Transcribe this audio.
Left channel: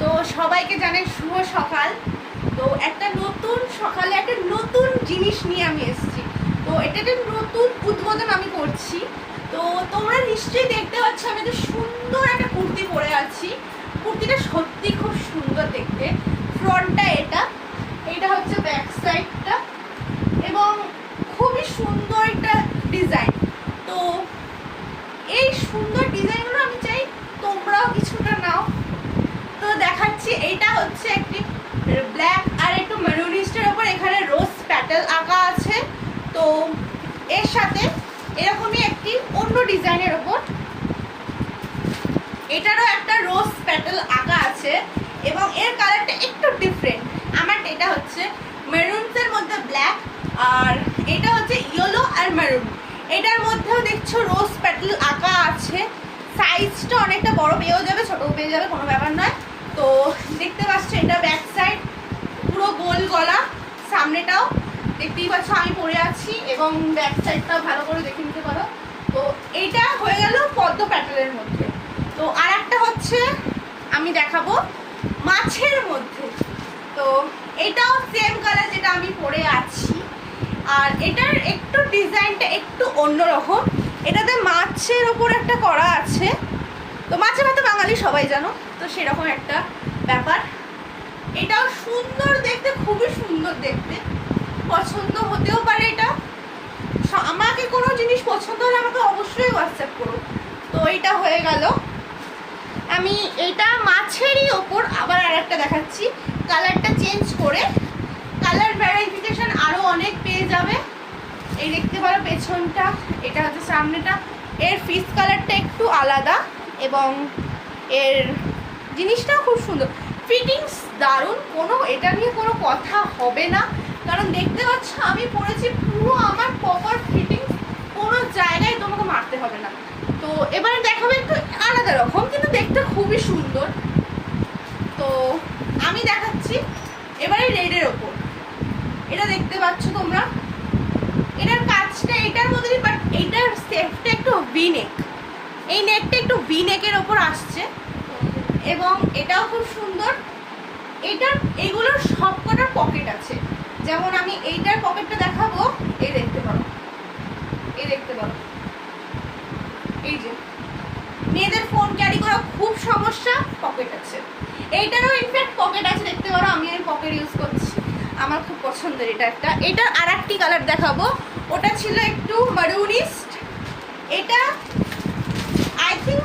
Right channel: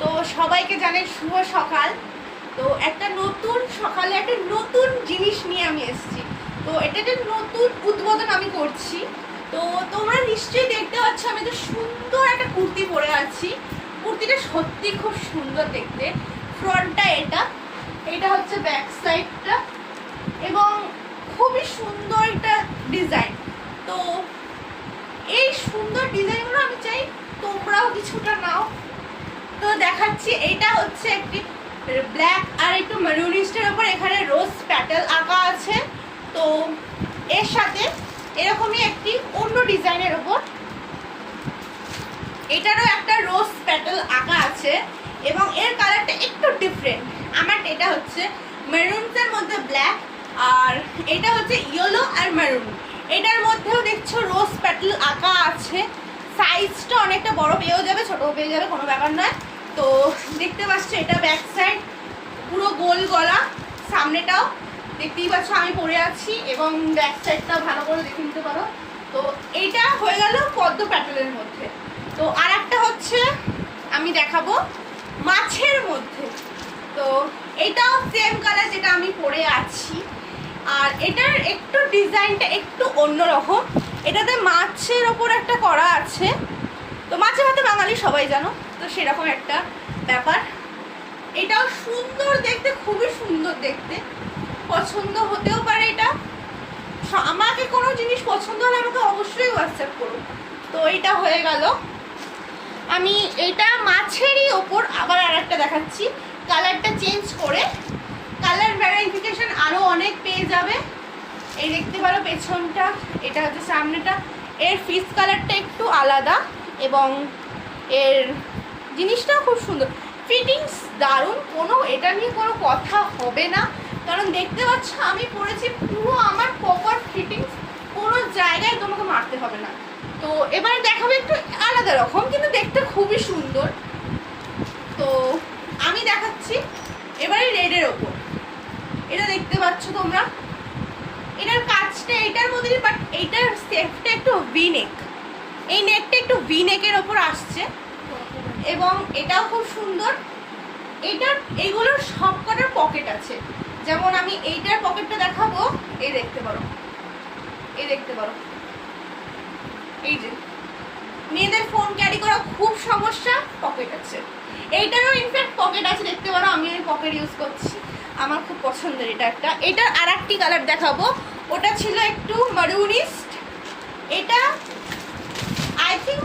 তো সবাইকে জানাই শুভ সকাল। তো একটা নতুন সকালে একটা নতুন জিনিস নিয়ে আমি এসেছি। তো এটা একটা নতুন উদ্বোধন আমি করছি। তো তোমরা নিশ্চয়ই দেখতে পাচ্ছ আমি তো সুন্দর একটা কুর্তি পরে আছি। কুর্তিটা সত্যি খুব সুন্দর দেখতে। ফ্রন্টটা এটা হচ্ছে ব্যাক সাইডটা এবং খুবই সুন্দর একটা ডিজাইন। তো এই সুন্দর ডিজাইনগুলো আমি চাই তোমরাও কিছুটা নাও। তো দেখাচ্ছি, এইটা হচ্ছে একটি ব্ল্যাক আর একটু মেরুনিস্টের ওপর এখানে রোজ প্যাটেল আঁকা আছে। তো এর সাথে এরকমই একটি অন্য ডিজাইনের ওপর এটারও একটা রোজ প্যাটেল আঁকা আছে এবং এর কালারটা একটু ডিফারেন্ট। আমার এটা হচ্ছে মেরুনসের মধ্যে ব্ল্যাক আর এটা হচ্ছে ইয়েলো আর মেরুন। এটার মধ্যেও দেখছো রোজ প্যাটেল আঁকা আছে। সাইজটা অনেকটা বড় পেয়েও যাবে, ছোটও পেয়ে যাবে, কোনো ব্যাপার নয়। তো দেখতে পাচ্ছ এটা ব্যাক সাইড পুরো গোল গলা, সামনেটাও দেখতেই পাচ্ছ আমি পরে আছি এবং ব্যাক সাইডটাও ভালো করে দেখে নিতে পারো। তো এইটা হয়ে গেল পদ্ম প্যাটেলের মধ্যে। তো আর একটা হচ্ছে আমি দেখাবো মাছের মধ্যে। তো এটাও সেম কালার যেটা আমি পরে আছি, আর এটার একটু ডিজাইনটা একটু অন্যরকম। এটাতে মাছের ওপর একটা করা আছে। তো মাছে ভাতে বাঙালি সবাই জানো, তো সেরকম একটা ব্যাপার। এটাও সুন্দর দেখতে, খুবই সুন্দর দেখতে, পছন্দ হতেও পারে। এটা আমাকে কোনো জিনিস পছন্দ হলে আমাকে অবশ্যই হোয়াটসঅ্যাপ করো। তো এটা হয়ে গেল। আমি এটা মাছেরই ওপর আবার আর একটা দেখাচ্ছি, কালারটা চেঞ্জ করে। কালার ভ্যারিফিকেশন আরও অনেক পেয়ে যাবে। এই দেখতে পারো পেছনটা, এটা হচ্ছে সামনেটা। এর ফিস কালারটা একটু আলাদা এবং এর জিনিসটা খুব সুন্দর, ফিটিংস দারুণ, কোনো এটা নিয়ে কোনো কথা হবে না। কারণ দেখতে পাচ্ছ আমি পরেছি পুরো আমার প্রপার ফিটিংস, কোনো জায়গায় তোমাকে মারতে হবে না। তো এবারে দেখাবো একটু আলাদা রকম, কিন্তু দেখতে খুবই সুন্দর। তো আমি দেখাচ্ছি এবারে রেডের ওপর। এটা দেখতে পাচ্ছ তোমরা, এটার কাজটা এটার মধ্যে, বাট এইটার সেফটা একটু ভি নেক। এই নেকটা একটু ভি নেকের ওপর আসছে এবং এটাও খুব সুন্দর। এইটার এইগুলোর সব কটার পকেট আছে। যেমন আমি এইটার পকেটটা দেখাবো, এই দেখতে পারো, এই দেখতে পারো, এই যে মেয়েদের ফোন ক্যারি করা খুব সমস্যা, পকেট আছে। এইটারও ইনফ্যাক্ট পকেট আছে, দেখতে পারো। আমি এই পকেট ইউজ করছি, আমার খুব পছন্দের এটা একটা। এটার আর একটি কালার দেখাবো, ওটা ছিল একটু মারুনিস্ট। এটা আই থিঙ্ক